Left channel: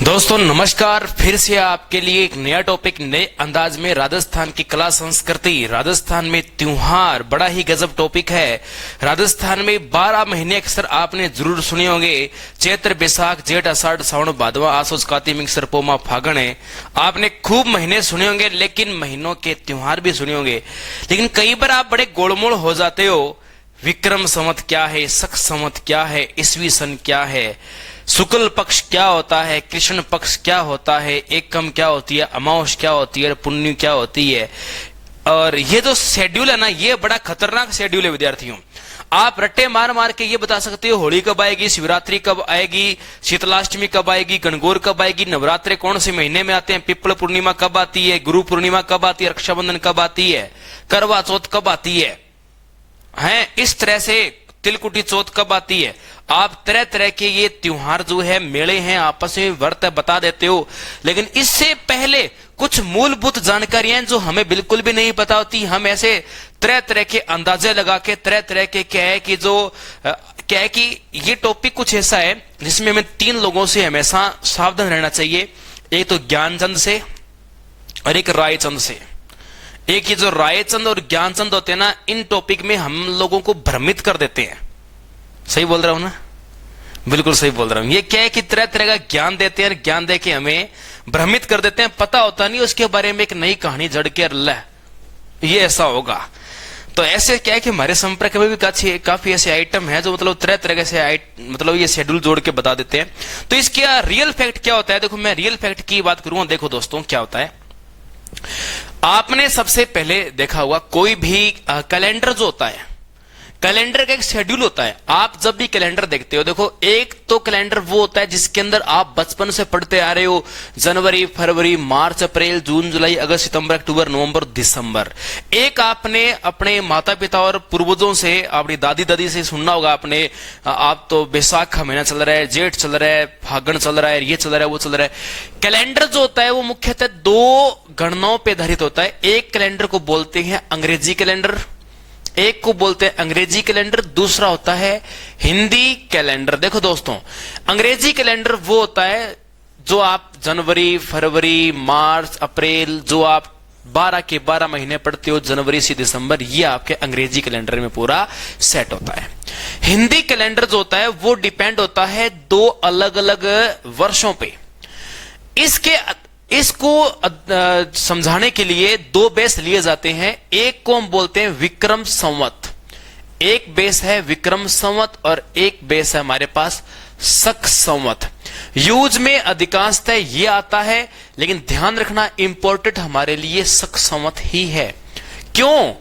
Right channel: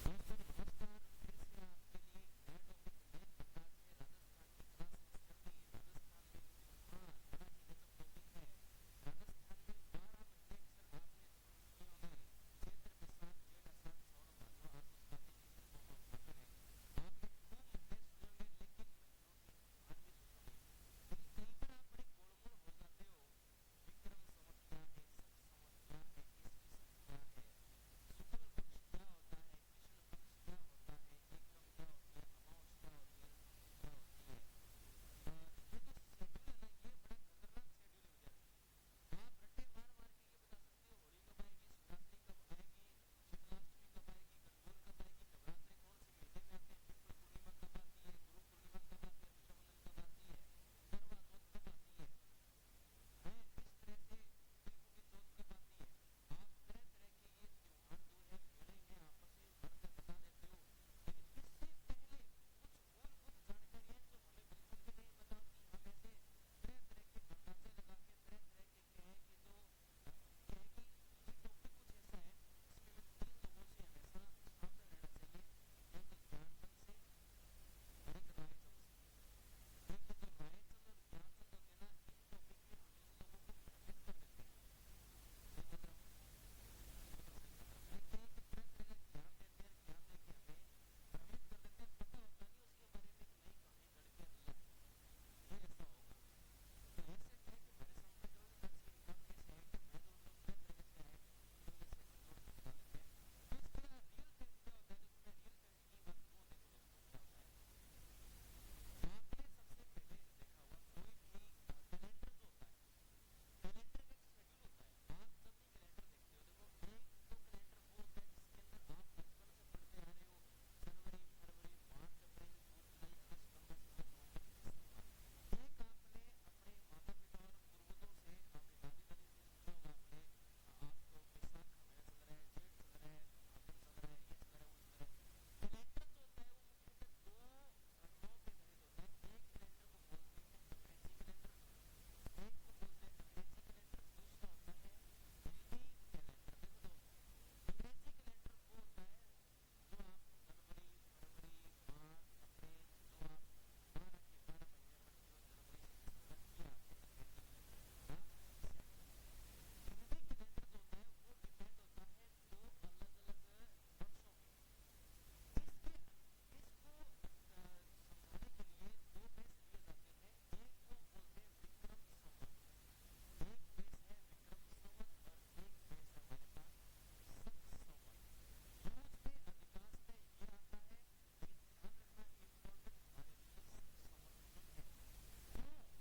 दोस्तों नमस्कार, फिर से आपके लिए एक नया टॉपिक नए अंदाज में राजस्थान की कला संस्कृति, राजस्थान में त्योहार, बड़ा ही गजब टॉपिक है। राजस्थान में 12 महीने अक्सर आपने जरूर सुने होंगे। चैत्र, बैसाख, जेठ, आषाढ़, सावन, भादवा, आसोज, काती, मिंग, पोमा, फागण है। आपने खूब महीने सुने होंगे, लेकिन महीनों के त्योहार भी सुने होंगे। लेकिन कई बार आप बड़े गोलमोल हो जाते हो। विक्रम संवत क्या है, शक संवत क्या है, ईसवी सन क्या है, शुक्ल पक्ष क्या होता है, कृष्ण पक्ष क्या होता है, एकम क्या होती है, अमावस क्या होती है, पुण्य क्या होती है। और ये जो शेड्यूल है ना, ये बड़ा खतरनाक शेड्यूल है विद्यार्थियों। आप रट्टे मार मार के ये बता सकते हो होली कब आएगी, शिवरात्रि कब आएगी, शीतलाष्टमी कब आएगी, गणगौर कब आएगी, नवरात्रे कौन से महीने में आते हैं, पिपल पूर्णिमा कब आती है, गुरु पूर्णिमा कब आती है, रक्षाबंधन कब आती है, करवा चौथ कब आती है, इस तरह से तिलकुटी चौथ कब आती है। आप तरह तरह के ये त्योहार जो है, मेले हैं, आपस में व्रत बता देते हो। लेकिन इससे पहले कुछ मूलभूत जानकारियां जो हमें बिल्कुल भी नहीं पता होती। हम ऐसे तरह तरह के अंदाजे लगा के तरह तरह के क्या है कि ये टॉपिक कुछ ऐसा है जिसमें हमें 3 लोगों से हमेशा सावधान रहना चाहिए। एक तो ज्ञानचंद से और एक रायचंद से। एक ये जो रायचंद और ज्ञानचंद होते हैं ना, इन टॉपिक में हम लोगों को भ्रमित कर देते हैं। सही बोल रहा हूं ना? बिल्कुल सही बोल रहा हूं। ये क्या है कि तरह तरह का ज्ञान देते हैं, ज्ञान दे के हमें भ्रमित कर देते हैं। पता होता नहीं उसके बारे में एक नई कहानी जड़ के अल्लाह ये ऐसा होगा। तो ऐसे क्या है कि हमारे संपर्क में भी काफी ऐसे आइटम है जो मतलब तरह तरह से मतलब ये शेड्यूल जोड़ के बता देते हैं। तो इसका रियल फैक्ट क्या होता है? देखो, मैं रियल फैक्ट की बात करूंगा। देखो दोस्तों, क्या होता है, आपने सबसे पहले देखा होगा कोई भी कैलेंडर जो होता है, कैलेंडर का एक शेड्यूल होता है। आप जब भी कैलेंडर देखते हो, देखो, एक तो कैलेंडर वो होता है जिसके अंदर आप बचपन से पढ़ते आ रहे हो, जनवरी, फरवरी, मार्च, अप्रैल, जून, जुलाई, अगस्त, सितंबर, अक्टूबर, नवंबर, दिसंबर। एक आपने अपने माता पिता और पूर्वजों से, अपनी दादी दादी से सुनना होगा आपने, आप तो बैसाख का महीना चल रहा है, जेठ चल रहा है, फागण चल रहा है, ये चल रहा है, वो चल रहा है। कैलेंडर जो होता है वो मुख्यतः 2 गणनाओं पर आधारित होता है। एक कैलेंडर को बोलते हैं अंग्रेजी कैलेंडर, एक को बोलते हैं अंग्रेजी कैलेंडर, दूसरा होता है हिंदी कैलेंडर। देखो दोस्तों, अंग्रेजी कैलेंडर वो होता है जो आप जनवरी, फरवरी, मार्च, अप्रैल, जो आप 12 के 12 महीने पढ़ते हो, जनवरी से दिसंबर, ये आपके अंग्रेजी कैलेंडर में पूरा सेट होता है। हिंदी कैलेंडर जो होता है वो डिपेंड होता है 2 अलग अलग वर्षों पे। इसको समझाने के लिए 2 बेस लिए जाते हैं। एक को हम बोलते हैं विक्रम संवत, एक बेस है विक्रम संवत और एक बेस है हमारे पास शक संवत। यूज में अधिकांशतः ये आता है, लेकिन ध्यान रखना इंपॉर्टेंट हमारे लिए शक संवत ही है। क्यों?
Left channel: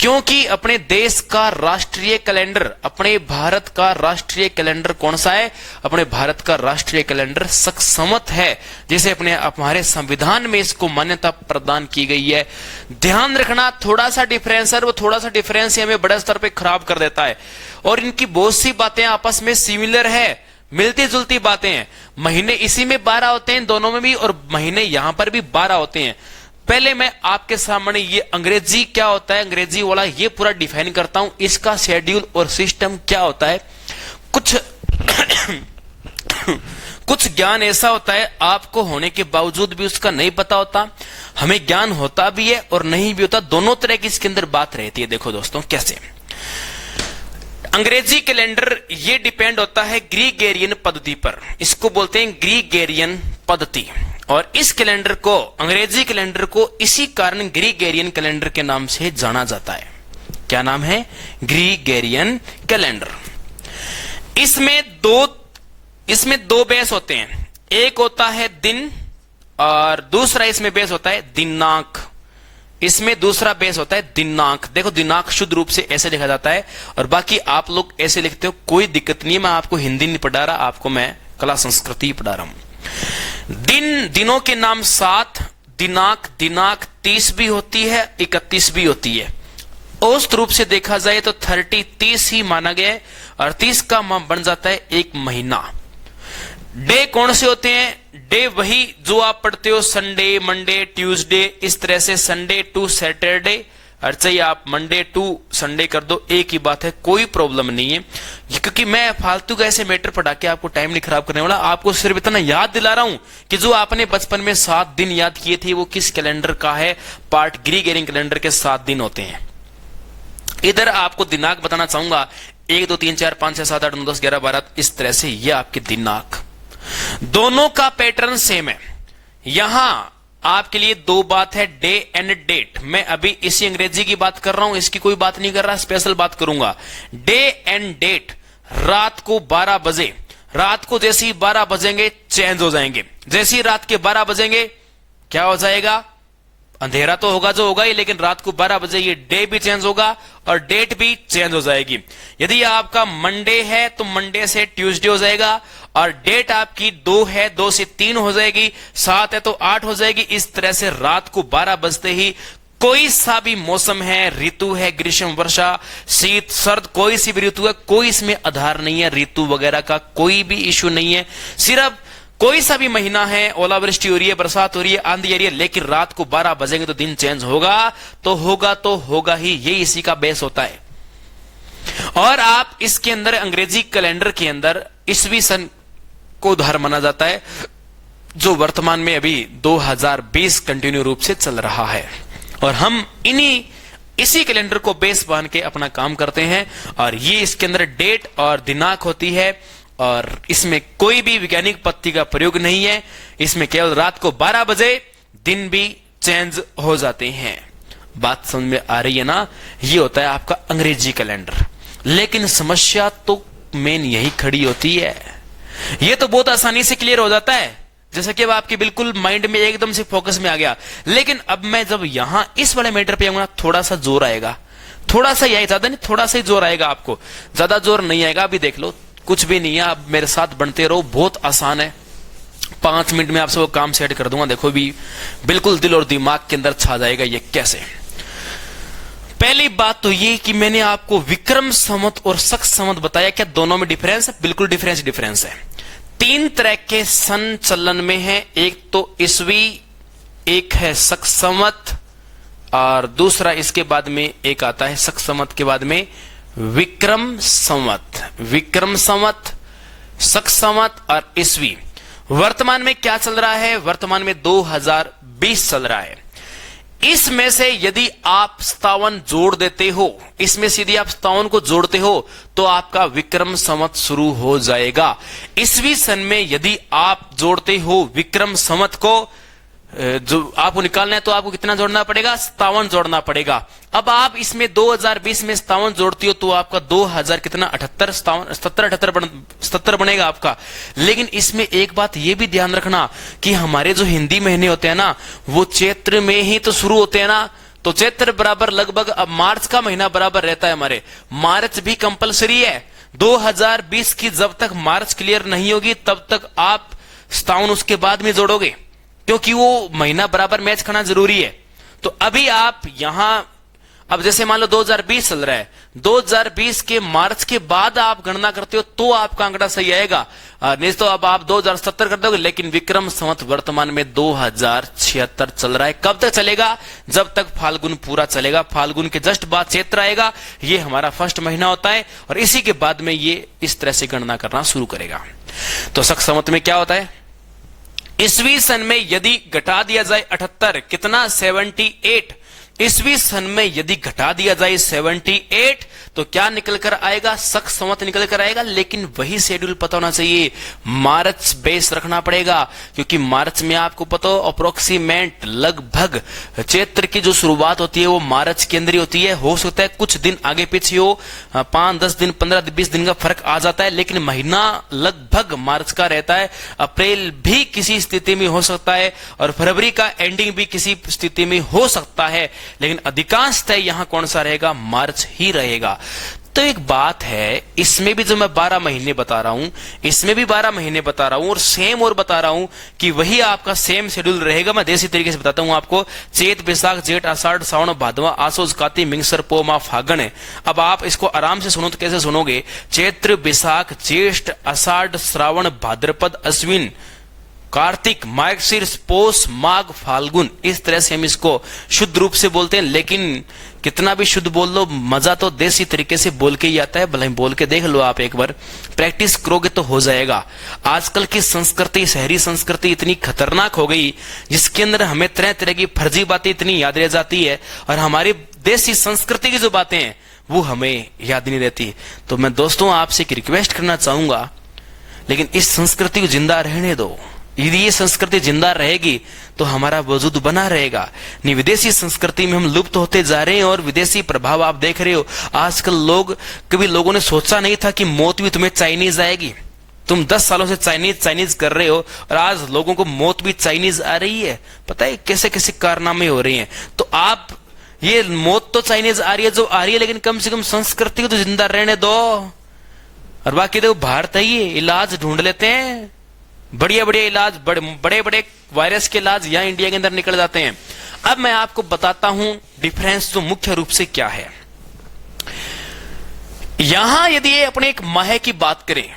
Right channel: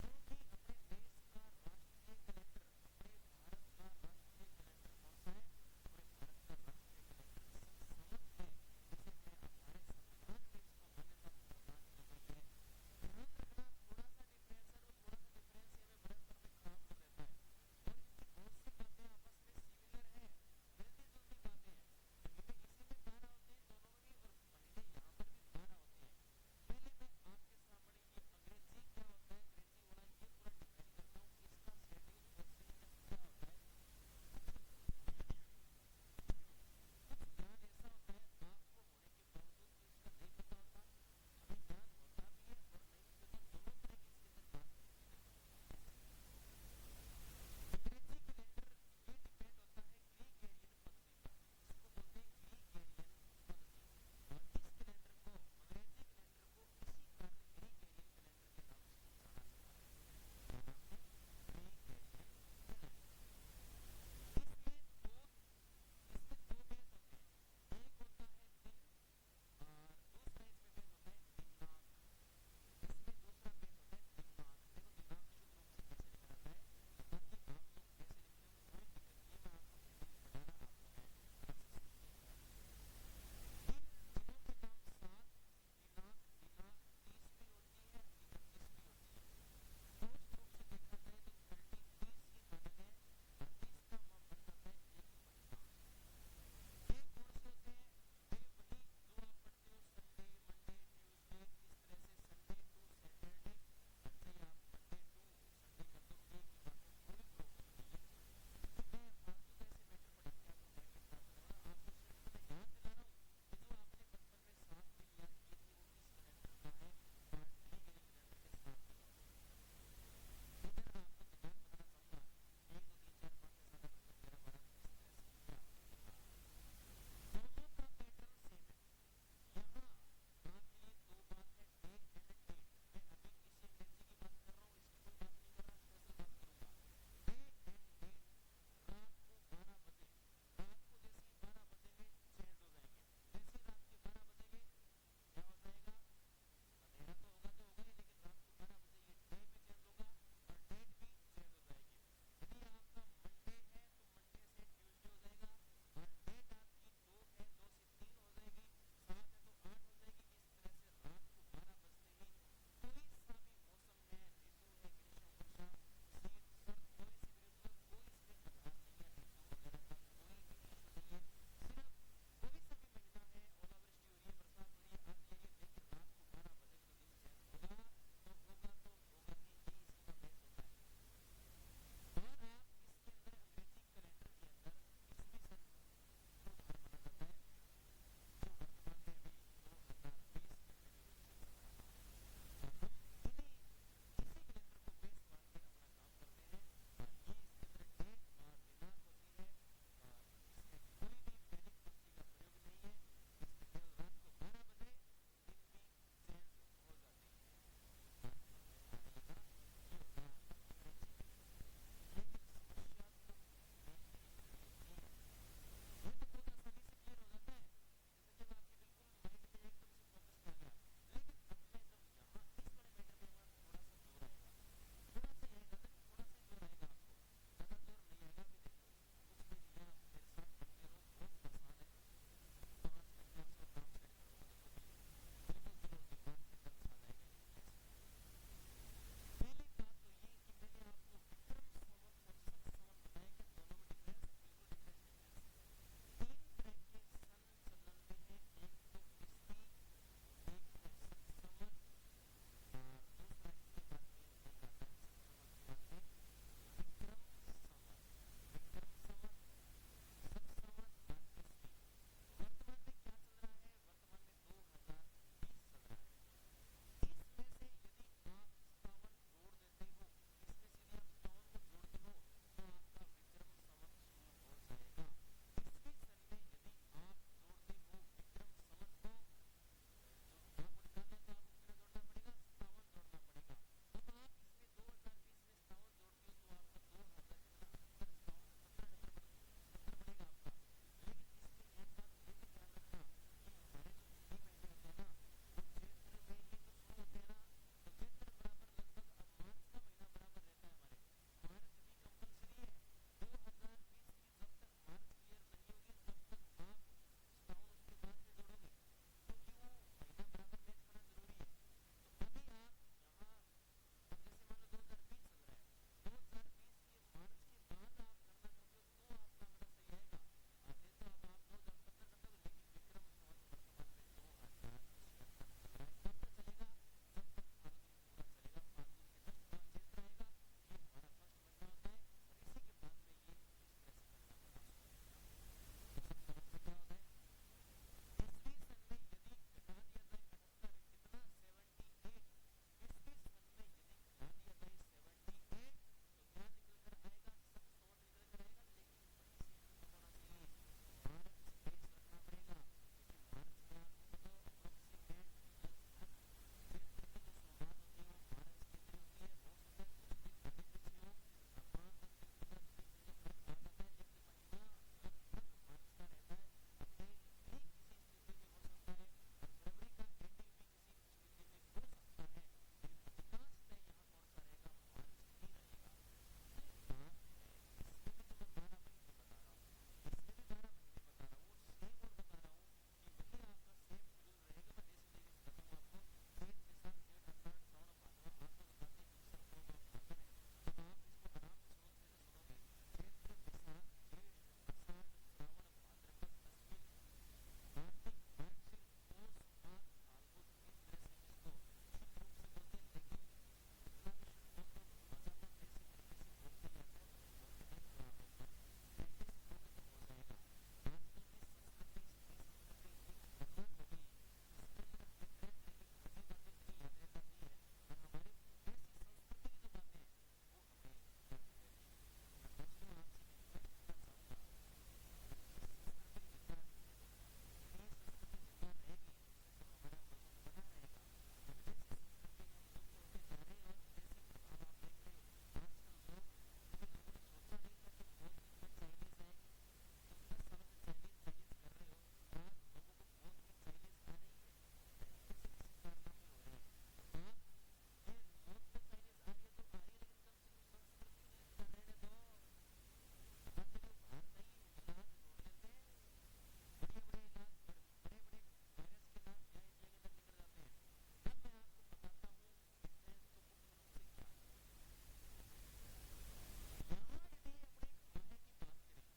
क्योंकि अपने देश का राष्ट्रीय कैलेंडर, अपने भारत का राष्ट्रीय कैलेंडर कौन सा है? अपने भारत का राष्ट्रीय कैलेंडर शक संवत है, जिसे हमारे संविधान में इसको मान्यता प्रदान की गई है। ध्यान रखना, थोड़ा सा डिफरेंस है, वो थोड़ा सा डिफरेंस हमें बड़े स्तर पे खराब कर देता है। और इनकी बहुत सी बातें आपस में सिमिलर है, मिलती जुलती बातें हैं। महीने इसी में 12 होते हैं, दोनों में भी, और महीने यहां पर भी 12 होते हैं। पहले मैं आपके सामने ये अंग्रेजी क्या होता है, अंग्रेजी वाला ये पूरा डिफाइन करता हूं, इसका शेड्यूल और सिस्टम क्या होता है। कुछ ज्ञान ऐसा होता है आपको होने के बावजूद भी उसका नहीं पता होता, हमें ज्ञान होता भी है और नहीं भी होता, दोनों तरह की इसके अंदर बात रहती है। देखो दोस्तों, कैसे अंग्रेजी कैलेंडर ये डिपेंड होता है ग्रीगेरियन पद्धति पर, इसको बोलते हैं ग्रीगेरियन पद्धति। और इस कैलेंडर को, अंग्रेजी कैलेंडर को, इसी कारण ग्रीगेरियन कैलेंडर के नाम से जाना जाता है। क्या नाम है? ग्रीगेरियन कैलेंडर। इसमें दो बेस होते हैं, एक होता है दिन और दूसरा इसमें बेस होता है दिनांक। इसमें दूसरा बेस होता है दिनांक। देखो, दिनांक शुद्ध रूप से ऐसे लिखा जाता है और बाकी आप लोग ऐसे लिखते हो, कोई दिक्कत नहीं है। मैं आपको हिंदी नहीं पढ़ा रहा, आपको मैं कला संस्कृति पढ़ा रहा हूं। दिनों के नाम 7, दिनांक 30 भी होती है, 31 भी होती है। औसत रूप से देखा जाए तो 30 ही माना गया है और 30 का बन जाता है एक महीना। डे कौन से होते हैं? डे वही जो आप पढ़ते हो, संडे, मंडे, ट्यूसडे, इस तरह से संडे टू सैटरडे, और चाहिए आप मंडे टू संडे कर दो, एक ही बात है, कोई प्रॉब्लम नहीं है। क्योंकि मैं फालतू का ऐसे मैटर पढ़ा के आपको टाइम नहीं खराब करने वाला, आपको सिर्फ इतना याद दिला रहा हूं कि जो आपने बचपन में 7 दिन याद किए थे वो किस कैलेंडर का है, पार्ट ग्रीगोरियन कैलेंडर के 7 दिन होते हैं। इधर आपको दिनांक बताना चाहूंगा, 1 2 3 4 5 6 7 8 9 10 11 12, इस तरह से ये आपके दिनांक, दोनों का पैटर्न सेम है। यहां आपके लिए 2 बात है, डे एंड डेट। मैं अभी इसी अंग्रेजी की बात कर रहा हूं, इसकी कोई बात नहीं कर रहा, स्पेशल बात करूंगा। डे एंड डेट, रात को 12 बजे, रात को जैसे ही 12 बजेंगे चेंज हो जाएंगे। जैसे ही रात के 12 बजेंगे क्या हो जाएगा, अंधेरा तो होगा जो होगा ही, लेकिन रात को 12 बजे ये डे भी चेंज होगा और डेट भी चेंज हो जाएगी। यदि आपका मंडे है तो मंडे से ट्यूसडे हो जाएगा, और डेट आपकी 2 है, 2 से 3 हो जाएगी, 7 है तो 8 हो जाएगी। इस तरह से रात को 12 बजते ही कोई सा भी मौसम है, ऋतु है, ग्रीष्म, वर्षा, शीत, सर्द, कोई सी भी ऋतु है, कोई इसमें आधार नहीं है, ऋतु वगैरह का कोई भी इश्यू नहीं है। सिर्फ कोई सा भी महीना है, ओलावृष्टि हो रही है, बरसात हो रही है, आंधी आ रही है, लेकिन रात को 12 बजेंगे तो दिन चेंज होगा तो होगा ही, ये इसी का बेस होता है। और आप इसके अंदर अंग्रेजी कैलेंडर के अंदर ईस्वी सन को उधार माना जाता है, जो वर्तमान में अभी 2020 कंटिन्यू रूप से चल रहा है, और हम इसी कैलेंडर को बेस मान के अपना काम करते हैं। और ये इसके अंदर डेट और दिनांक होती है, और इसमें कोई भी वैज्ञानिक पद्धति का प्रयोग नहीं है। इसमें केवल रात को 12 बजे दिन भी चेंज हो जाते हैं। बात समझ में आ रही है ना? ये होता है आपका अंग्रेजी कैलेंडर। लेकिन समस्या तो मेन यही खड़ी होती है, ये तो बहुत आसानी से क्लियर हो जाता है, जैसे कि अब आपके बिल्कुल माइंड में एकदम से फोकस में आ गया। लेकिन अब मैं जब यहां इस वाले मैटर पे आऊंगा, थोड़ा सा जोर आएगा, थोड़ा सा ही, ज्यादा नहीं, थोड़ा सा ही जोर आएगा, आपको ज्यादा जोर नहीं आएगा। अभी देख लो, कुछ भी नहीं है, आप मेरे साथ बनते रहो, बहुत आसान है। 5 मिनट में आपसे वो काम सेट कर दूंगा, देखो भी बिल्कुल दिल और दिमाग के अंदर छा जाएगा ये कैसे। पहली बात तो ये कि मैंने आपको विक्रम संवत और शक संवत बताया, क्या दोनों में डिफरेंस है? बिल्कुल डिफरेंस है। 3 तरह के सन चलन में है, एक तो ईस्वी, एक है शक संवत, और दूसरा इसके बाद में एक आता है शक संवत के बाद में विक्रम संवत। विक्रम संवत, शक संवत और ईस्वी। वर्तमान में क्या चल रहा है? वर्तमान में 2020 चल रहा है। इसमें से यदि आप 57 जोड़ देते हो, इसमें से यदि आप 57 को जोड़ते हो तो आपका विक्रम संवत शुरू हो जाएगा। ईस्वी सन में यदि आप जोड़ते हो विक्रम संवत को, जो आपको निकालना है, तो आपको कितना जोड़ना पड़ेगा? 57 जोड़ना पड़ेगा। अब आप इसमें 2020 में 57 जोड़ती हो तो आपका 2000 कितना 77 बनेगा आपका। लेकिन इसमें एक बात यह भी ध्यान रखना कि हमारे जो हिंदी महीने होते हैं ना, वो चैत्र में ही तो शुरू होते हैं ना, तो चैत्र बराबर लगभग अब मार्च का महीना बराबर रहता है हमारे। मार्च भी कंपलसरी है। 2020 की जब तक मार्च क्लियर नहीं होगी तब तक आप 57 उसके बाद में जोड़ोगे, क्योंकि वो महीना बराबर मैच करना जरूरी है। तो अभी आप यहां, अब जैसे मान लो 2020 चल रहा है, 2020 के मार्च के बाद आप गणना करते हो तो आपका आंकड़ा सही आएगा, नहीं तो अब आप 2070 कर दोगे। लेकिन विक्रम संवत वर्तमान में 2076 चल रहा है। कब तक चलेगा? जब तक फाल्गुन पूरा चलेगा। फाल्गुन के जस्ट बाद चैत्र आएगा, ये हमारा फर्स्ट महीना होता है, और इसी के बाद में ये इस तरह से गणना करना शुरू करेगा। तो शक संवत में क्या होता है? ईस्वी सन में यदि घटा दिया जाए 78, कितना? 78। ईस्वी सन में यदि घटा दिया जाए 78 तो क्या निकल कर आएगा? शक संवत निकल कर आएगा। लेकिन वही शेड्यूल पता होना चाहिए, मार्च बेस रखना पड़ेगा, क्योंकि मार्च में आपको पता हो अप्रोक्सीमेट लगभग चैत्र की जो शुरुआत होती है वो मार्च के अंदर ही होती है। हो सकता है कुछ दिन आगे पीछे हो, 5-10 दिन, 15-20 दिन का फर्क आ जाता है, लेकिन महीना लगभग मार्च का रहता है। अप्रैल भी किसी स्थिति में हो सकता है, और फरवरी का एंडिंग भी किसी स्थिति में हो सकता है, लेकिन अधिकांशतः यहां कौन सा रहेगा? मार्च ही रहेगा। तो एक बात है, इसमें भी जो मैं 12 महीने बता रहा हूं, इसमें भी 12 महीने बता रहा हूं, और सेम और बता रहा हूं कि वही आपका सेम शेड्यूल रहेगा। मैं देसी तरीके से बताता हूं आपको। चैत, बैसाख, जेठ, आषाढ़, सावन, भादवा, आसोज, काती, मिंगसर, पो, माह, फागण है। अब आप इसको आराम से सुनो तो कैसे सुनोगे? चैत्र, बैसाख, ज्येष्ठ, आषाढ़, श्रावण, भाद्रपद, अश्विन, कार्तिक, मार्गशीर्ष, पौष, माघ, फाल्गुन, इस तरह से हम इसको शुद्ध रूप से बोलते हैं। लेकिन कितना भी शुद्ध बोल लो, मजा तो देसी तरीके से बोल के ही आता है। भले बोल के देख लो, आप एक बार प्रैक्टिस करोगे तो हो जाएगा। आजकल की संस्कृति, शहरी संस्कृति इतनी खतरनाक हो गई, जिसके अंदर हमें तरह तरह की फर्जी बातें इतनी याद रह जाती है, और हमारी देसी संस्कृति की जो बातें हैं वो हमें याद नहीं रहती। तो मैं दोस्तों आपसे एक रिक्वेस्ट करना चाहूंगा, लेकिन इस संस्कृति को जिंदा रहने दो। यदि ये संस्कृति जिंदा रहेगी तो हमारा वजूद बना रहेगा। नहीं, विदेशी संस्कृति में हम लुप्त होते जा रहे हैं, और विदेशी प्रभाव आप देख रहे हो। आजकल कभी लोगों ने सोचा नहीं था कि मौत भी तुम्हें चाइनीज आएगी। तुम 10 सालों से चाइनीज कर रहे हो, और आज लोगों को मौत भी चाइनीज आ रही है। पता है कैसे कैसे कारनामे हो रहे हैं। तो आप, ये मौत तो चाइनीज आ रही है जो आ रही है, लेकिन कम से कम संस्कृति को तो जिंदा रहने दो। और बाकी देखो, भारत है, ये इलाज ढूंढ लेते हैं, बढ़िया बढ़िया इलाज, बड़े बड़े वायरस के इलाज यहाँ इंडिया के अंदर निकल जाते हैं। अब मैं आपको बताता हूं डिफरेंस जो मुख्य रूप से क्या है। यहां यदि अपने एक माह की बात करें,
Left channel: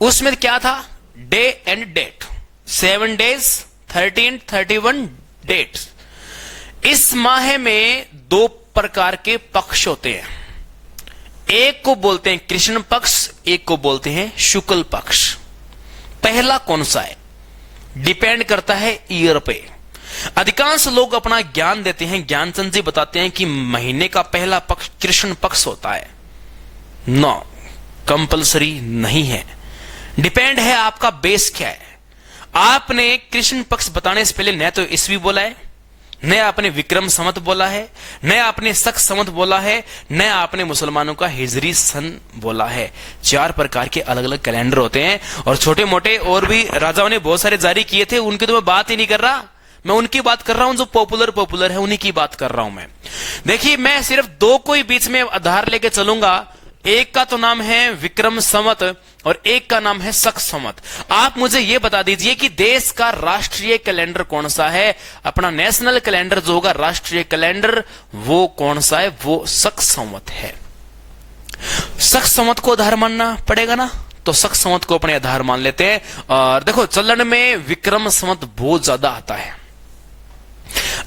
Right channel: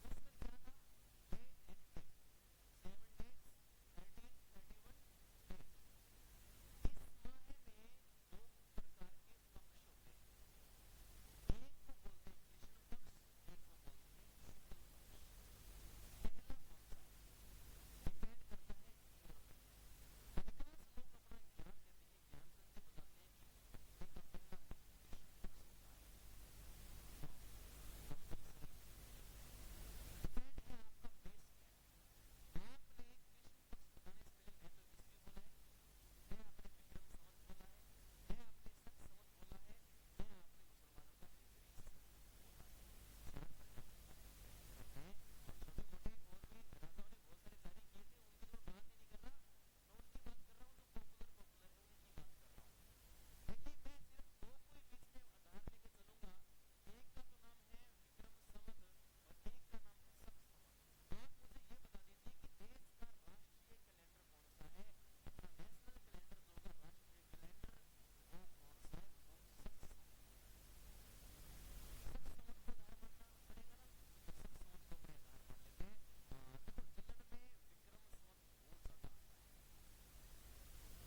उसमें क्या था, day and date, 7 days, 13, 31 dates. इस माह में 2 प्रकार के पक्ष होते हैं। एक को बोलते हैं कृष्ण पक्ष, एक को बोलते हैं शुक्ल पक्ष। पहला कौन सा है, डिपेंड करता है ईयर पे। अधिकांश लोग अपना ज्ञान देते हैं, ज्ञानचंद जी बताते हैं कि महीने का पहला पक्ष कृष्ण पक्ष होता है। नो, कंपलसरी नहीं है, डिपेंड है आपका बेस क्या है। आपने कृष्ण पक्ष बताने से पहले न तो ईस्वी बोला है, न आपने विक्रम संवत बोला है, न आपने शक संवत बोला है, न आपने मुसलमानों का हिजरी सन बोला है। 4 प्रकार के अलग अलग कैलेंडर होते हैं, और छोटे मोटे और भी राजाओं ने बहुत सारे जारी किए थे, उनकी तो मैं बात ही नहीं कर रहा। मैं उनकी बात कर रहा हूं जो पॉपुलर है, उन्हीं की बात कर रहा हूं मैं। देखिए, मैं सिर्फ 2 को ही बीच में आधार लेके चलूंगा। एक का तो नाम है विक्रम संवत और एक का नाम है शक संवत। आप मुझे यह बता दीजिए कि देश का राष्ट्रीय कैलेंडर कौन सा है। अपना नेशनल कैलेंडर जो होगा, राष्ट्रीय कैलेंडर, वो कौन सा है, वो शक संवत है। शक संवत को आधार मानना पड़ेगा ना, तो शक संवत को अपने आधार मान लेते हैं। और देखो, चलन में विक्रम संवत बहुत ज्यादा आता है।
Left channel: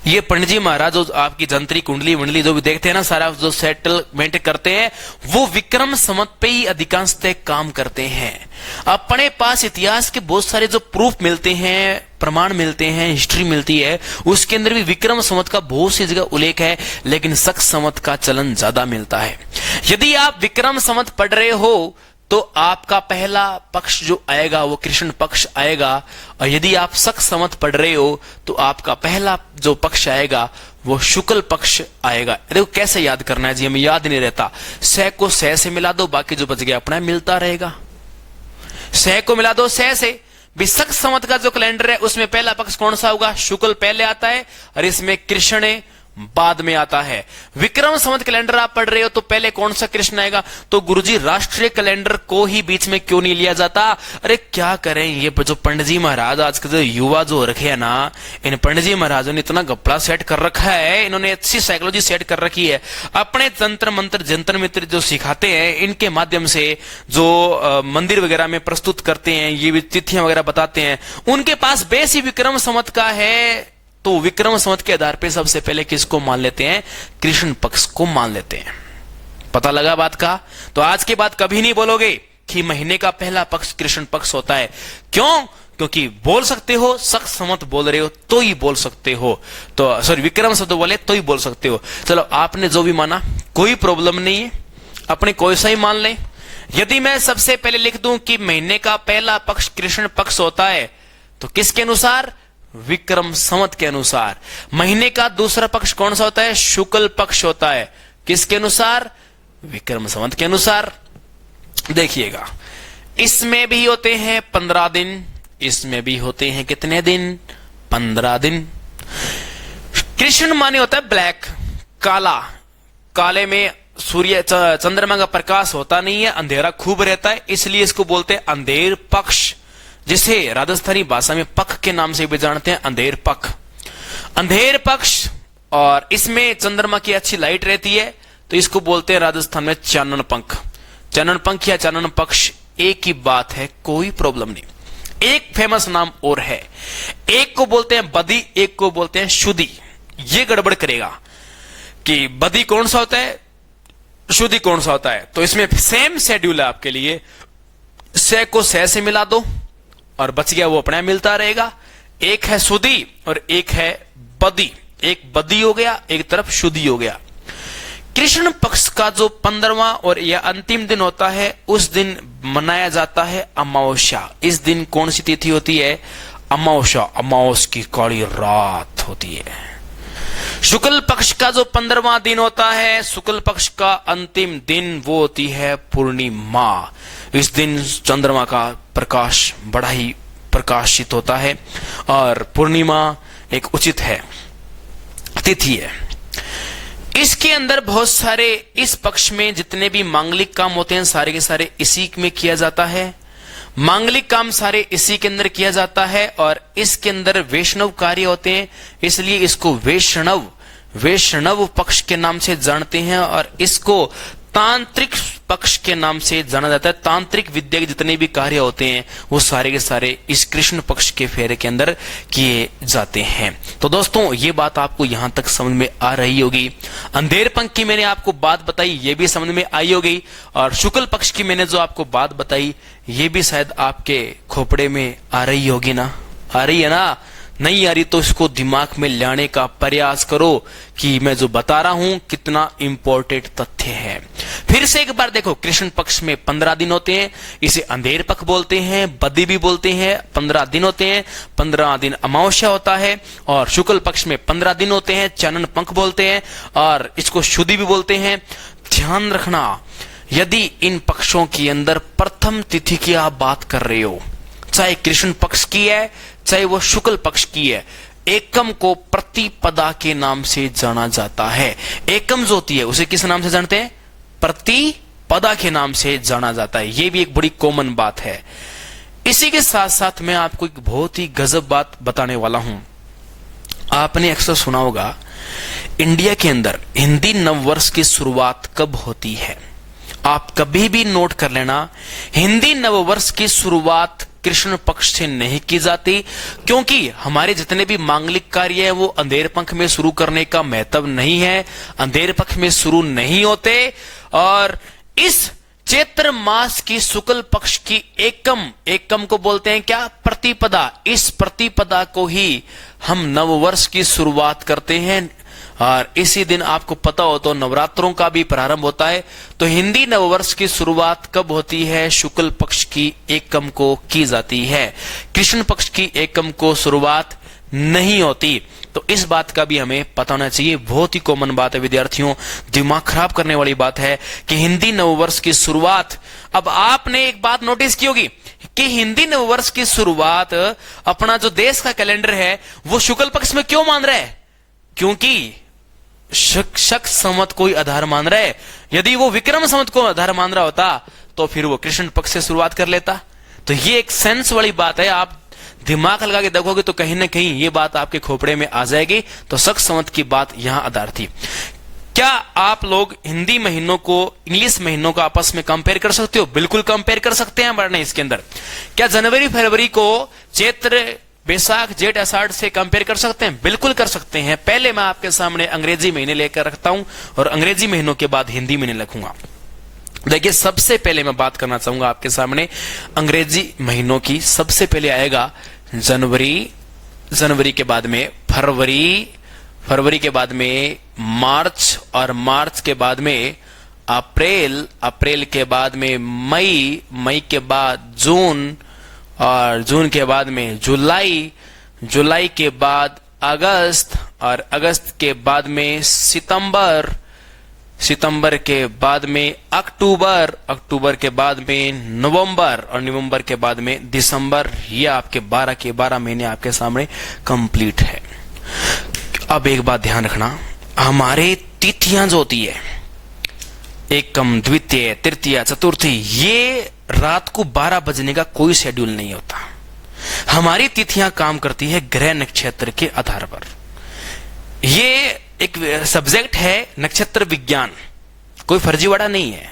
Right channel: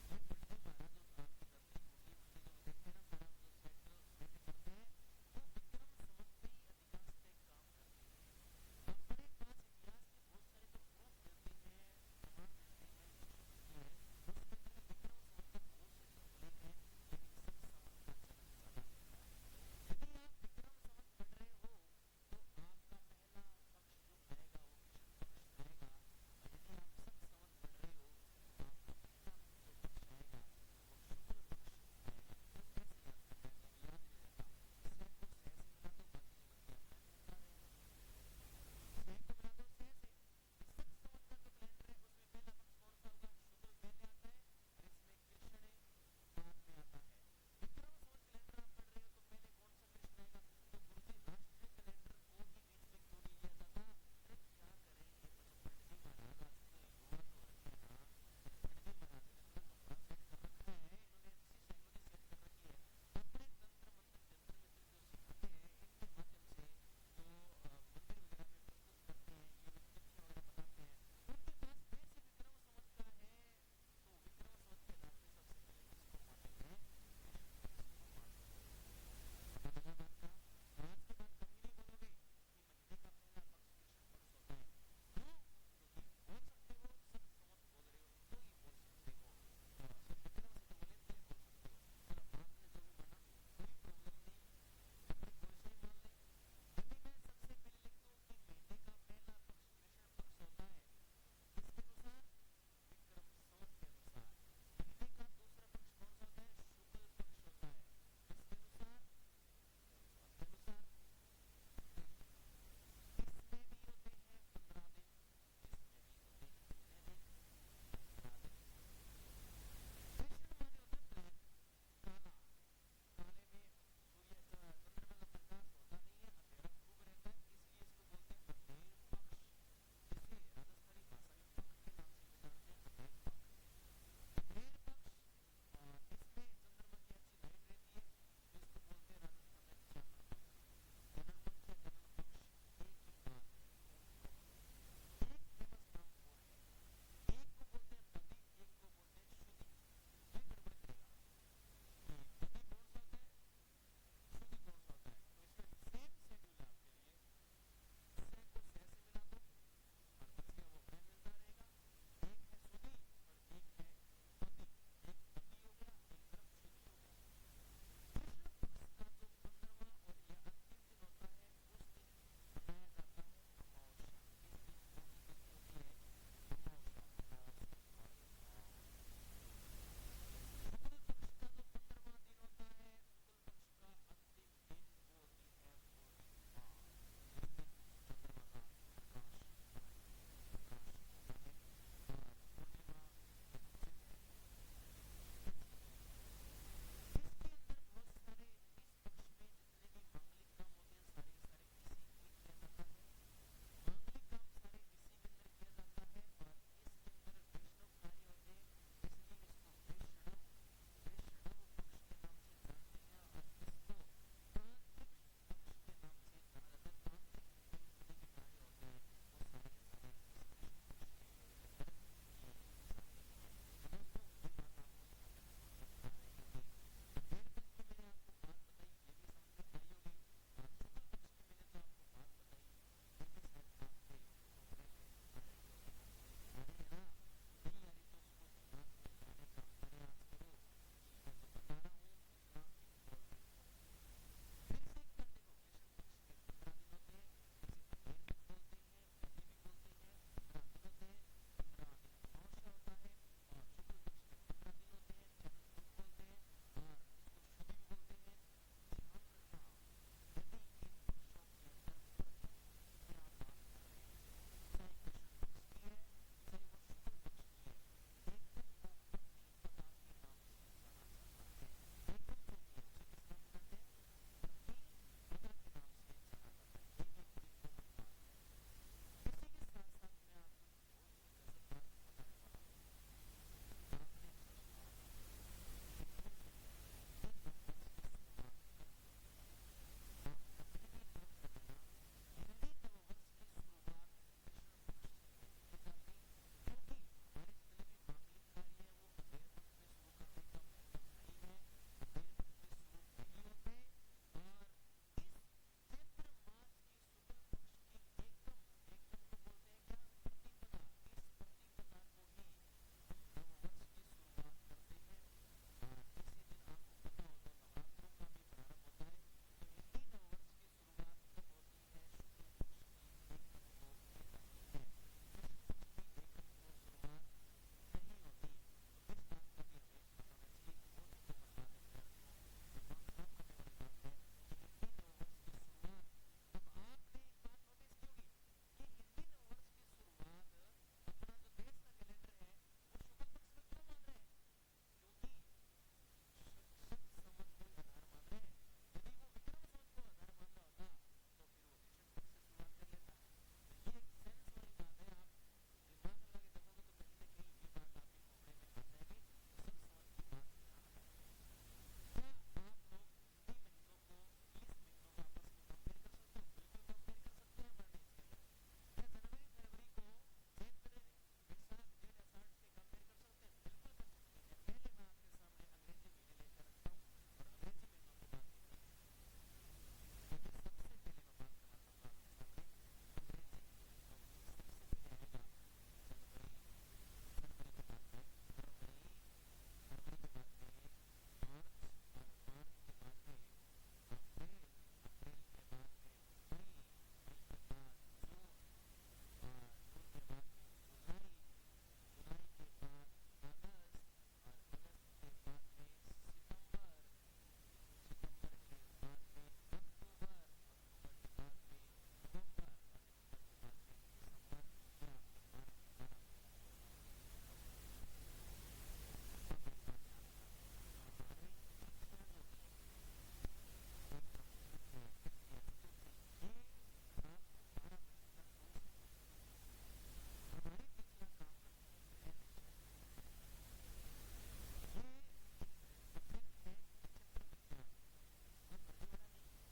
ये पंडित जी महाराज जो आपकी जंतरी कुंडली मंडली जो भी देखते हैं ना, सारा जो सेटलमेंट करते हैं, वो विक्रम संवत पे ही अधिकांशतः काम करते हैं। अपने पास इतिहास के बहुत सारे जो प्रूफ मिलते हैं, प्रमाण मिलते हैं, हिस्ट्री मिलती है, उसके अंदर भी विक्रम संवत का बहुत सी जगह उल्लेख है, लेकिन शक संवत का चलन ज्यादा मिलता है। यदि आप विक्रम संवत पढ़ रहे हो तो आपका पहला पक्ष जो आएगा वो कृष्ण पक्ष आएगा, और यदि आप शक संवत पढ़ रहे हो तो आपका पहला जो पक्ष आएगा वो शुक्ल पक्ष आएगा। देखो कैसे याद करना है जी, हमें याद नहीं रहता। सह को सह से मिला दो, बाकी जो बच गया अपना मिलता रहेगा। सह को मिला दो सह से। शक संवत का जो कैलेंडर है उसमें पहला पक्ष कौन सा होगा, शुक्ल पहले आता है, और इसमें कृष्ण बाद में आता है। विक्रम संवत कैलेंडर आप पढ़ रहे हो तो पहले कौन सा कृष्ण आएगा, तो गुरुजी राष्ट्रीय कैलेंडर को ही बीच में क्यों नहीं लिया जाता। अरे क्या करें, ये जो पंडित जी महाराज आज के जो युवा जो रखे है ना, इन पंडित जी महाराजों ने इतना गप्पा सेट कर रखा है, इन्होंने अच्छी साइकोलॉजी सेट कर रखी है। अपने तंत्र मंत्र जंतर मित्र जो सिखाते हैं, इनके माध्यम से जो मंदिर वगैरह में प्रस्तुत करते हैं, ये तिथियां वगैरह बताते हैं, उनके पास बेस ही विक्रम संवत का है। तो विक्रम संवत के आधार पे सबसे पहले किसको मान लेते हैं, कृष्ण पक्ष को मान लेते हैं। पता लगा बात का। तो आज के बाद कभी नहीं बोलोगे कि महीने का पहला पक्ष कृष्ण पक्ष होता है। क्यों? क्योंकि बोल सकते हो, शक संवत बोल रहे हो तो ही बोल सकते हो, तो सॉरी विक्रम संवत बोले तो ही बोल सकते हो। चलो, आपने जो भी माना कोई प्रॉब्लम नहीं है, अपने कोई सा ही मान लें। यदि मैं सबसे पहले लिख दूं कि महीने का पहला पक्ष कृष्ण पक्ष होता है, तो किसके अनुसार, विक्रम संवत के अनुसार। महीने का दूसरा पक्ष कौन सा होता है, शुक्ल पक्ष होता है, किसके अनुसार, विक्रम संवत के अनुसार। देखिएगा, इसमें भी होते हैं 15 दिन, इसमें भी होते हैं कितने दिन, 15 दिन। कृष्ण माने होता है ब्लैक, काला, काले में सूर्य चंद्रमा का प्रकाश होता नहीं है, अंधेरा खूब रहता है, इसलिए इसको बोलते हैं अंधेर पक्ष, जिसे राजस्थानी भाषा में पख के नाम से भी जानते हैं, अंधेर पख, अंधेर पक्ष। और इसमें चंद्रमा की अच्छी लाइट रहती है, तो इसको बोलते हैं राजस्थान में चानन पंख। चानन पंख या चानन पक्ष एक ही बात है, कोई प्रॉब्लम नहीं। एक फेमस नाम और है, एक को बोलते हैं बदी, एक को बोलते हैं शुदी। ये गड़बड़ करेगा कि बदी कौन सा होता है, शुदी कौन सा होता है। तो इसमें सेम शेड्यूल है आपके लिए, से को से से मिला दो और बच गया वो अपने मिलता रहेगा। एक है शुदी और एक है बदी, एक बदी हो गया, एक तरफ शुदी हो गया। कृष्ण पक्ष का जो 15वां और यह अंतिम दिन होता है, उस दिन मनाया जाता है अमावस्या। इस दिन कौन सी तिथि होती है, अमावस्या, अमावस की काली रात होती है। शुक्ल पक्ष का जो 15वां दिन होता है, शुक्ल पक्ष का अंतिम दिन, वो होती है पूर्णिमा। इस दिन चंद्रमा का प्रकाश बड़ा ही प्रकाशित होता है और पूर्णिमा एक उचित है, तिथि है। इसके अंदर बहुत सारे, इस पक्ष में जितने भी मांगलिक काम होते हैं सारे के सारे इसी में किया जाता है। मांगलिक काम सारे इसी के अंदर किया जाता है और इसके अंदर वैष्णव कार्य होते हैं, इसलिए इसको वैष्णव पक्ष के नाम से जानते हैं और इसको तांत्रिक पक्ष के नाम से जाना जाता है। तांत्रिक विद्या के जितने भी कार्य होते हैं वो सारे के सारे इस कृष्ण पक्ष के फेरे के अंदर किए जाते हैं। तो दोस्तों ये बात आपको यहां तक समझ में आ रही होगी। अंधेर पंख की मैंने आपको बात बताई, ये भी समझ में आई होगी, और शुक्ल पक्ष की मैंने जो आपको बात बताई ये भी शायद आपके खोपड़े में आ रही होगी ना, आ रही है ना। नहीं आ रही तो इसको दिमाग में लाने का प्रयास करो कि मैं जो बता रहा हूं कितना इंपॉर्टेंट तथ्य है। फिर से एक बार देखो, कृष्ण पक्ष में 15 दिन होते हैं, इसे अंधेर पक्ष बोलते हैं, बदी भी बोलते हैं। 15 दिन होते हैं, 15 दिन अमावस्या होता है, और शुक्ल पक्ष में 15 दिन होते हैं, चानन पंख बोलते हैं, और इसको शुद्धि भी बोलते हैं। ध्यान रखना, यदि इन पक्षों के अंदर प्रथम तिथि की आप बात कर रहे हो, चाहे कृष्ण पक्ष की है चाहे वो शुक्ल पक्ष की है, एकम को प्रतिपदा के नाम से जाना जाता है। एकम जो होती है उसे किस नाम से जानते हैं, प्रतिपदा के नाम से जाना जाता है। ये भी एक बड़ी कॉमन बात है। इसी के साथ साथ मैं आपको एक बहुत ही गजब बात बताने वाला हूं। आपने अक्सर सुना होगा इंडिया के अंदर हिंदी नववर्ष की शुरुआत कब होती है। आप कभी भी नोट कर लेना, हिंदी नववर्ष की शुरुआत कृष्ण पक्ष से नहीं की जाती, क्योंकि हमारे जितने भी मांगलिक कार्य है वो अंधेर पंख में शुरू करने का महत्व नहीं है, अंधेर पक्ष में शुरू नहीं होते। और इस चैत्र मास की शुक्ल पक्ष की एकम को बोलते हैं क्या, प्रतिपदा। इस प्रतिपदा को ही हम नववर्ष की शुरुआत करते हैं, और इसी दिन आपको पता हो तो नवरात्रों का भी प्रारंभ होता है। तो हिंदी नववर्ष की शुरुआत कब होती है, शुक्ल पक्ष की एकम को की जाती है, कृष्ण पक्ष की एकम को शुरुआत नहीं होती। तो इस बात का भी हमें पता होना चाहिए। बहुत ही कॉमन बात है विद्यार्थियों, दिमाग खराब करने वाली बात है कि हिंदी नववर्ष की शुरुआत, अब आपने एक बात नोटिस की होगी कि हिंदी नववर्ष की शुरुआत अपना जो देश का कैलेंडर है वो शुक्ल पक्ष में क्यों मान रहा है, क्योंकि शक संवत को आधार मान रहा है। यदि वो विक्रम संवत को आधार मान रहा होता तो फिर वो कृष्ण पक्ष से शुरुआत कर लेता। तो ये एक सेंस वाली बात है, आप दिमाग लगा के देखोगे तो कहीं ना कहीं ये बात आपके खोपड़े में आ जाएगी। तो शक संवत की बात यहां आधार थी। क्या आप लोग हिंदी महीनों को इंग्लिश महीनों को आपस में कंपेयर कर सकते हो? बिल्कुल कंपेयर कर सकते हैं। वरना इसके अंदर क्या जनवरी फरवरी को चैत्र बैसाख जेठ आषाढ़ से कंपेयर कर सकते हैं? बिल्कुल कर सकते हैं। पहले मैं आपके सामने अंग्रेजी महीने लेकर रखता हूं और अंग्रेजी महीनों के बाद हिंदी महीने लिखूंगा। देखिए, सबसे पहले मैं बात करना चाहूंगा आपके सामने अंग्रेजी महीनों की। सबसे पहले आएगा जनवरी, जनवरी के बाद में फरवरी, फरवरी के बाद में मार्च, और मार्च के बाद में अप्रैल, अप्रैल के बाद में मई, मई के बाद जून, और जून के बाद में जुलाई, जुलाई के बाद अगस्त, और अगस्त के बाद में सितंबर, सितंबर के बाद में अक्टूबर, अक्टूबर के बाद में नवंबर, और नवंबर के बाद में दिसंबर। ये आपके 12 के 12 महीने आपके सामने कंप्लीट है। अब एक बात ध्यान रखना, हमारे तिथियां जो होती है एकम, द्वितीय, तृतीय, चतुर्थी, ये रात को 12 बजने का कोई शेड्यूल नहीं होता। हमारी तिथियां काम करती है ग्रह नक्षत्र के आधार पर। ये एक सब्जेक्ट है नक्षत्र विज्ञान, कोई फर्जीवाड़ा नहीं है।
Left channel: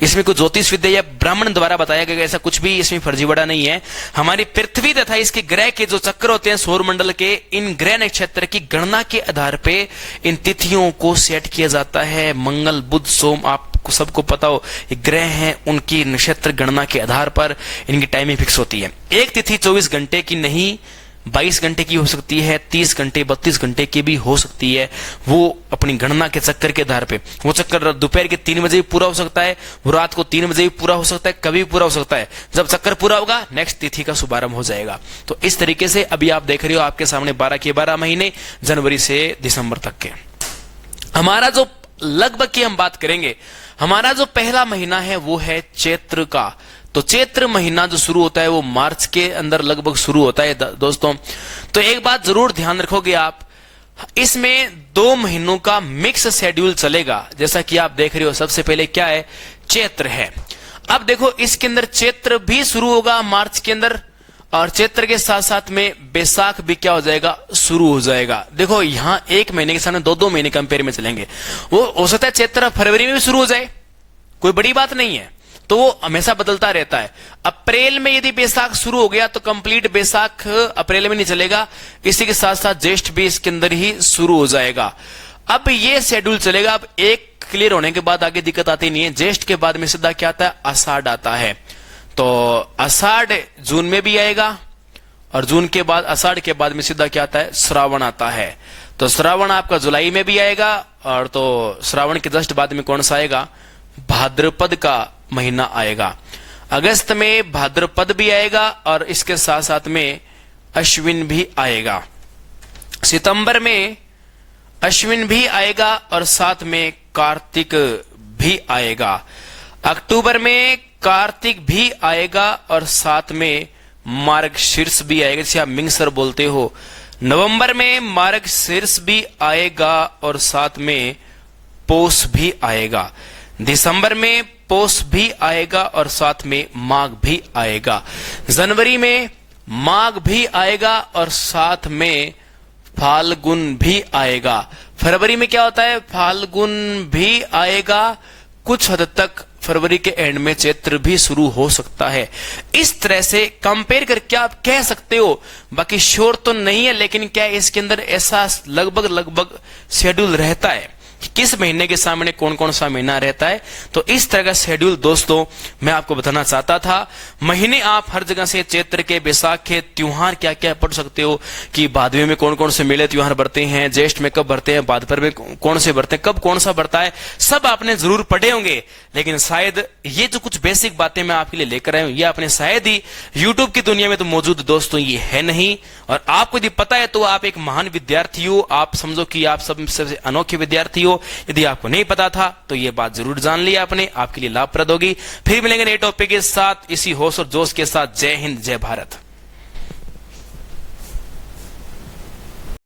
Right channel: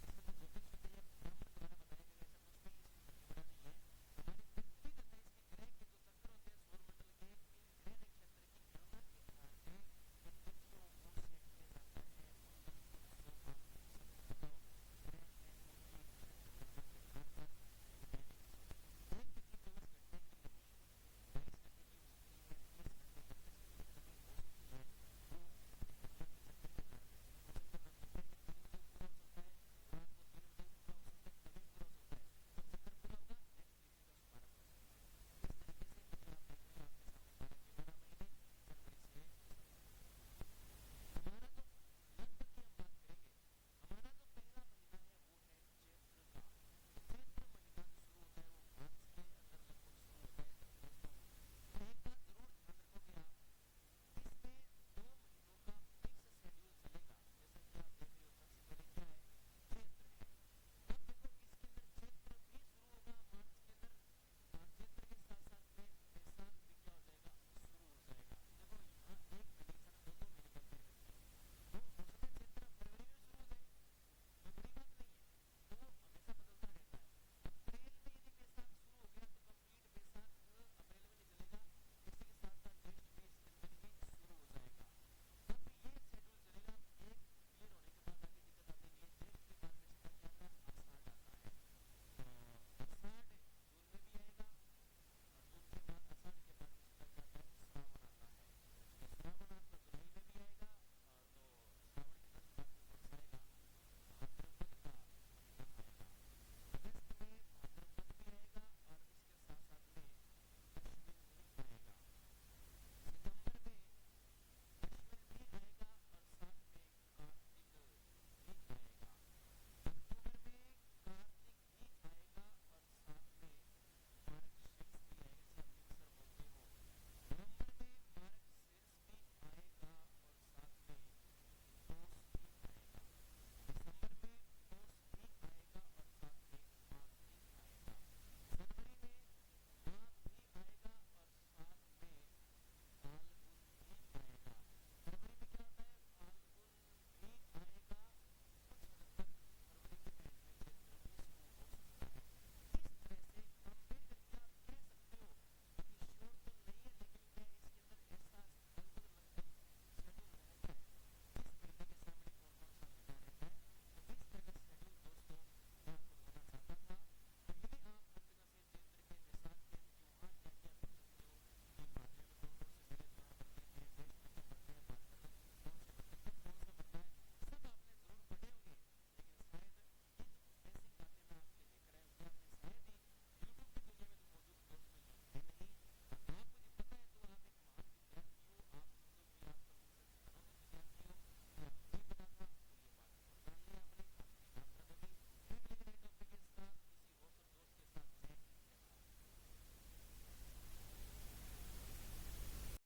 इसमें कोई ज्योतिष विद्या या ब्राह्मण द्वारा बताया गया ऐसा कुछ भी इसमें फर्जीवाड़ा नहीं है। हमारी पृथ्वी तथा इसके ग्रह के जो चक्कर होते हैं सौर मंडल के, इन ग्रह नक्षत्र की गणना के आधार पे इन तिथियों को सेट किया जाता है। मंगल, बुध, सोम, आपको सबको पता हो ये ग्रह हैं, उनकी नक्षत्र गणना के आधार पर इनकी टाइमिंग फिक्स होती है। एक तिथि 24 घंटे की नहीं 22 घंटे की हो सकती है, 30 घंटे 32 घंटे की भी हो सकती है। वो अपनी गणना के चक्कर के आधार पे, वो चक्कर दोपहर के 3 बजे भी पूरा हो सकता है, वो रात को 3 बजे भी पूरा हो सकता है, कभी भी पूरा हो सकता है। जब चक्कर पूरा होगा नेक्स्ट तिथि का शुभारंभ हो जाएगा। तो इस तरीके से अभी आप देख रहे हो आपके सामने 12 के 12 महीने जनवरी से दिसंबर तक के। हमारा जो लगभग की हम बात करेंगे, हमारा जो पहला महीना है वो है चैत्र का। तो चैत्र महीना जो शुरू होता है वो मार्च के अंदर लगभग शुरू होता है दोस्तों। तो एक बात जरूर ध्यान रखोगे आप, इसमें 2 महीनों का मिक्स शेड्यूल चलेगा। जैसा कि आप देख रहे हो सबसे पहले क्या है, चैत्र है। अब देखो इसके अंदर चैत्र भी शुरू होगा मार्च के अंदर, और चैत्र के साथ साथ में बैसाख भी क्या हो जाएगा, शुरू हो जाएगा। देखो यहां 1 महीने के सामने 2-2 महीने कंपेयर में चलेंगे। वो हो सकता है चैत्र फरवरी में भी शुरू हो जाए, कोई बड़ी बात नहीं है। तो वो हमेशा बदलता रहता है। अप्रैल में यदि बैसाख शुरू हो गया तो कंप्लीट बैसाख अप्रैल में नहीं चलेगा, इसी के साथ साथ ज्येष्ठ भी इसके अंदर ही शुरू हो जाएगा। अब ये शेड्यूल चलेगा। अब एक क्लियर होने के बाद आगे दिक्कत आती नहीं है। ज्येष्ठ के बाद में सीधा क्या आता है, आषाढ़ आता है। तो आषाढ़ जून में भी आएगा, और जून के बाद आषाढ़ के बाद में सीधा क्या आता है, श्रावण आता है। तो श्रावण आपका जुलाई में भी आएगा, और तो श्रावण के जस्ट बाद में कौन सा आएगा, भाद्रपद का महीना आएगा। अगस्त में भाद्रपद भी आएगा, और इसके साथ साथ में अश्विन भी आएगा। सितंबर में अश्विन भी आएगा, और साथ में कार्तिक भी आएगा। अक्टूबर में कार्तिक भी आएगा, और साथ में मार्गशीर्ष भी आएगा, जिसे आप मिंगसर बोलते हो। नवंबर में मार्गशीर्ष भी आएगा, और साथ में पौष भी आएगा। दिसंबर में पौष भी आएगा, और साथ में माघ भी आएगा। जनवरी में माघ भी आएगा, और साथ में फाल्गुन भी आएगा। फरवरी में क्या होता है, फाल्गुन भी आएगा। कुछ हद तक फरवरी के एंड में चैत्र भी शुरू हो सकता है। इस तरह से कंपेयर करके आप कह सकते हो, बाकी श्योर तो नहीं है, लेकिन क्या इसके अंदर ऐसा लगभग शेड्यूल रहता है कि किस महीने के सामने कौन कौन सा महीना रहता है। तो इस तरह का शेड्यूल दोस्तों मैं आपको बताना चाहता था। महीने आप हर जगह से चैत्र के, बैसाख के, त्योहार क्या क्या पढ़ सकते हो कि भादवे में कौन कौन से मेले त्योहार बढ़ते हैं, ज्येष्ठ में कब बढ़ते हैं, भाद्रपद में कौन से बढ़ते हैं, कब कौन सा बढ़ता है, सब आपने जरूर पढ़े होंगे। लेकिन शायद ये जो कुछ बेसिक बातें मैं आपके लिए लेकर आया हूं, ये आपने शायद ही यूट्यूब की दुनिया में तो मौजूद दोस्तों ये है नहीं। और आपको यदि पता है तो आप एक महान विद्यार्थी हो, आप समझो कि आप सबसे अनोखे विद्यार्थी हो। यदि आपको नहीं पता था तो ये बात जरूर जान ली आपने, आपके लिए लाभप्रद होगी। फिर मिलेंगे नए टॉपिक के साथ इसी होश और जोश के साथ। जय हिंद, जय भारत।